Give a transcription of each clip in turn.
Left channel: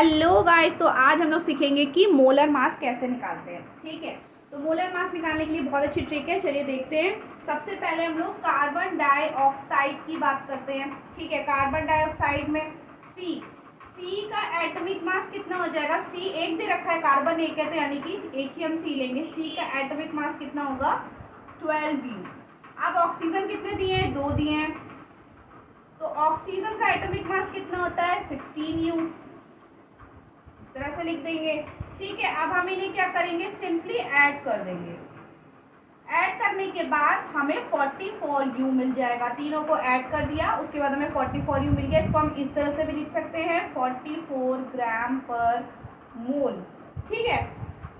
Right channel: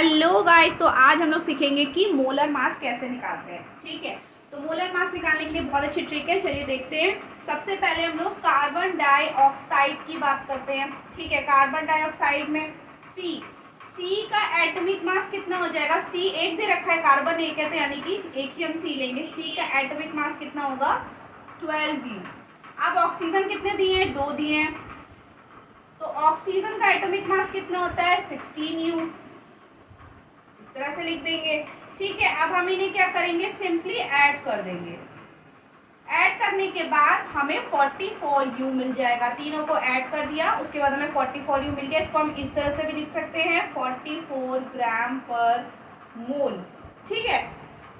Hello guys, तो आज हम लोग सीखेंगे कि मोलर मास कैसे निकालते हैं। ठीक है, तो मोलर मास निकालने के लिए बहुत अच्छी ट्रिक है। चलिए देखते हैं। सबसे पहले हम लोग कार्बन डाइऑक्साइड की बात करते हैं। ठीक है, कार्बन डाइऑक्साइड में सी का एटॉमिक मास कितना हो जाएगा। सी एक दे रखा है, कार्बन एक है, तो यानी कि एक ही हम सी लेंगे। सी का एटॉमिक मास कितना होगा, 12U। अब ऑक्सीजन कितने दिए हैं, 2 दिए हैं, तो ऑक्सीजन का एटॉमिक मास कितना होता है, 16U। इस तरह से लिख देंगे। ठीक है, अब हम इन्हें क्या करेंगे, सिंपली ऐड कर देंगे। ऐड करने के बाद हमें 44U मिल जाएगा। तीनों को ऐड कर दिया, उसके बाद हमें 44U मिल गया। इसको हम इस तरह से भी लिख सकते हैं, 44 ग्राम पर मोल। ठीक है,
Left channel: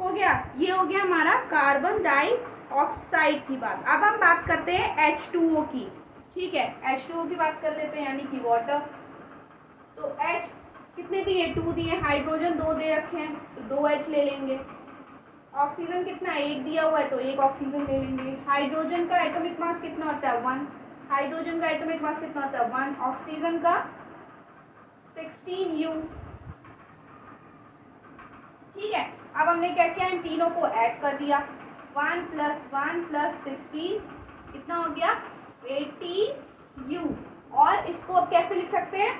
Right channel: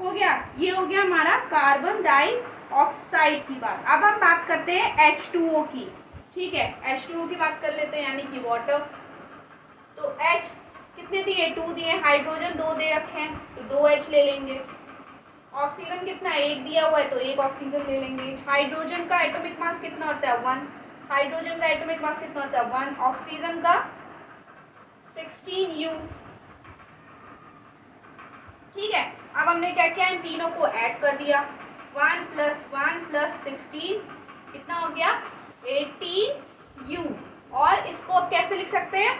हो गया। ये हो गया हमारा कार्बन डाइऑक्साइड की बात। अब हम बात करते हैं H2O की। ठीक है, H2O की बात कर लेते हैं, यानी कि वाटर। तो H कितने दिए, 2 दिए। हाइड्रोजन 2 दे रखे हैं, तो 2H ले लेंगे। ऑक्सीजन कितना, 1 दिया हुआ है, तो 1 ऑक्सीजन ले लेंगे। हाइड्रोजन का एटॉमिक मास कितना होता है, 1। हाइड्रोजन का एटॉमिक मास कितना होता है, 1। ऑक्सीजन का 16U। ठीक है, अब हमने क्या किया, इन तीनों को ऐड कर दिया। 1 + 1 + 16 कितना हो गया, 18U। और इसको अब कैसे लिख सकते हैं,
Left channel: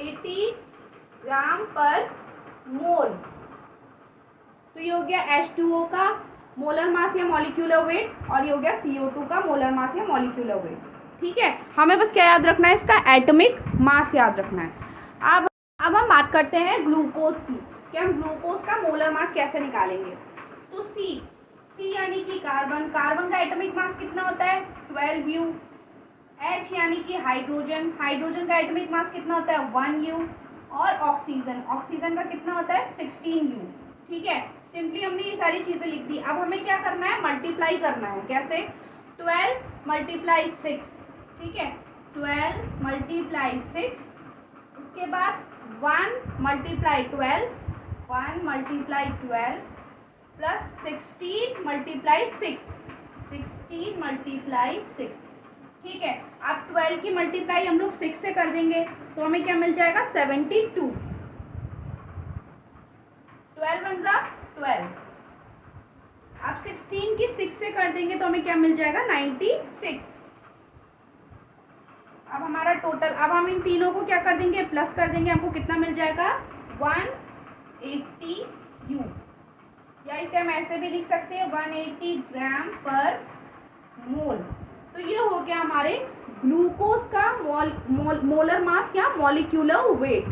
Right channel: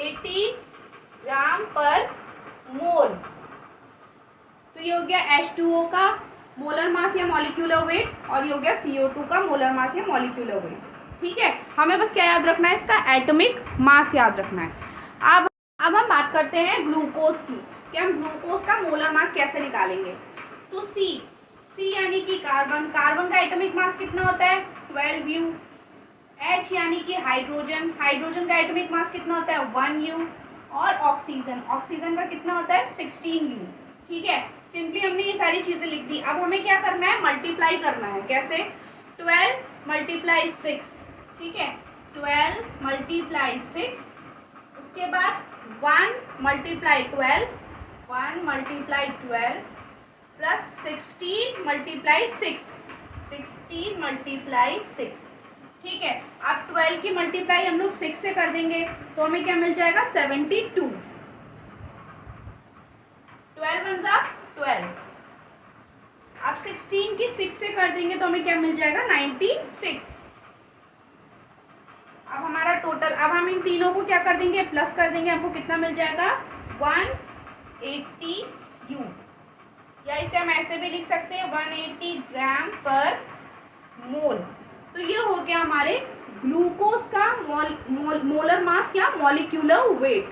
80 ग्राम पर मोल। तो ये हो गया H2O का मोलर मास या मॉलिक्यूलर वेट, और ये हो गया CO2 का मोलर मास या मॉलिक्यूलर वेट। ठीक है, हमें बस क्या याद रखना है, इसका एटॉमिक मास याद रखना है। अब हम बात करते हैं ग्लूकोज की, कि हम ग्लूकोज का मोलर मास कैसे निकालेंगे। तो सी यानी कि कार्बन का एटॉमिक मास कितना होता है, 12U। H यानी कि हाइड्रोजन का एटॉमिक मास कितना होता है, 1U। और ऑक्सीजन का कितना होता है, 16U। ठीक है, सिंपली हमने ये सारी चीजें लिख दी। अब हमें क्या करना है, मल्टीप्लाई करना है। कैसे, 12 × 6। ठीक है, 12 × 6, उसके बाद 1 × 12 प्लस 16 × 6, 16 × 6। ठीक है, अब 12 की मल्टीप्लाई हम लोग 6 से कर देंगे, तो हमें क्या मिल जाएगा, 72। 12 × 12। अब 16 की 6 से कर देंगे, तो हमें क्या मिल जाएगा, 96। अब हमारा टोटल, अब हम इन तीनों को क्या कर देंगे, प्लस कर देंगे। हमको कितना मिल जाएगा, 180U। या इसे हम ऐसे भी लिख सकते हैं, 180 ग्राम पर मोल। तो ये हो गया हमारे ग्लूकोज का मोलर मास या मॉलिक्यूलर वेट।